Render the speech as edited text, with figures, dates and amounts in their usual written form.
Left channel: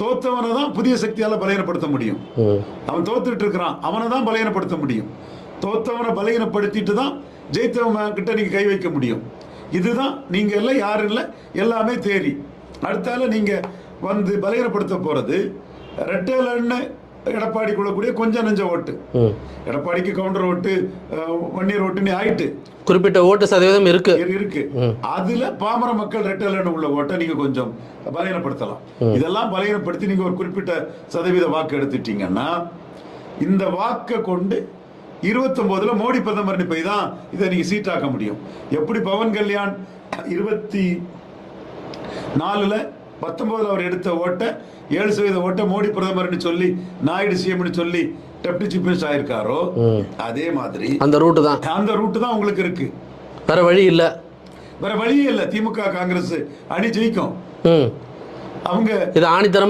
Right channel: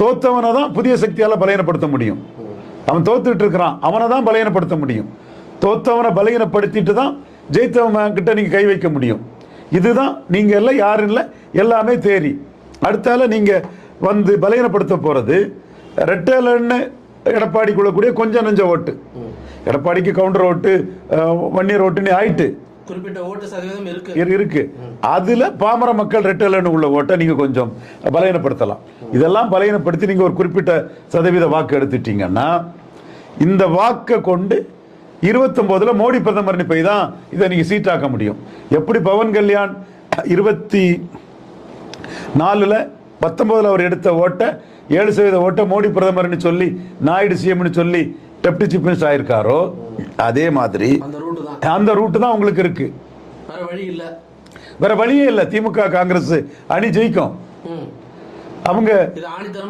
தோத்தவனை தான் புதிய சக்தியால பலகீனப்படுத்த முடியும். அவன் தோத்துட்டு இருக்கிறான், அவனை தான் பலகீனப்படுத்த முடியும். தோத்தவனை பலகீனப்படுத்திட்டு தான் ஜெயித்தவன் கிட்ட நீங்க கை வைக்க முடியும். இதுதான் நீங்க எல்லாம் யாரும் இல்லை, எல்லாமே தேரி. அடுத்தால நீங்க வந்து பலகீனப்படுத்த போறது ரெட்டலன்னு எடப்பாடிக்குள்ள கூடிய கொஞ்சம் நெஞ்ச ஓட்டு. எடப்பாடிக்கு கவுண்டர் ஓட்டு, வன்னியர் ஓட்டுன்னு ஆயிட்டு குறிப்பிட்ட ஓட்டு சதவீதம் இருக்கு. அதுல பாமர மக்கள் ரெட்டலன்னு உள்ள ஓட்டை நீங்க கொஞ்சம் பலகீனப்படுத்தலாம். இதெல்லாம் பலகீனப்படுத்தி நீங்க ஒரு குறிப்பிட்ட சதவீத வாக்கு எடுத்துட்டீங்கன்னா இந்த வாக்கை கொண்டு 29 மோடி பிரதமர் போய் தான் இதை நீங்க சீட்டாக்க முடியும். எப்படி பவன் கல்யாண் 24 19 அவர் எடுத்த ஓட்டை 7% ஓட்டை மோடி பிரதமர்னு சொல்லி நாயுடு சிஎம்னு சொல்லி டெப்டி சீஃப் மினிஸ்டர் ஆயிருக்காரோ, அதே மாதிரி அந்த ரூட் தான் உங்களுக்கு இருக்கு. வேற வழியே இல்ல. திமுக காங்கிரஸ் அணி ஜெயிக்கும். அவங்க இது ஆணித்தரம்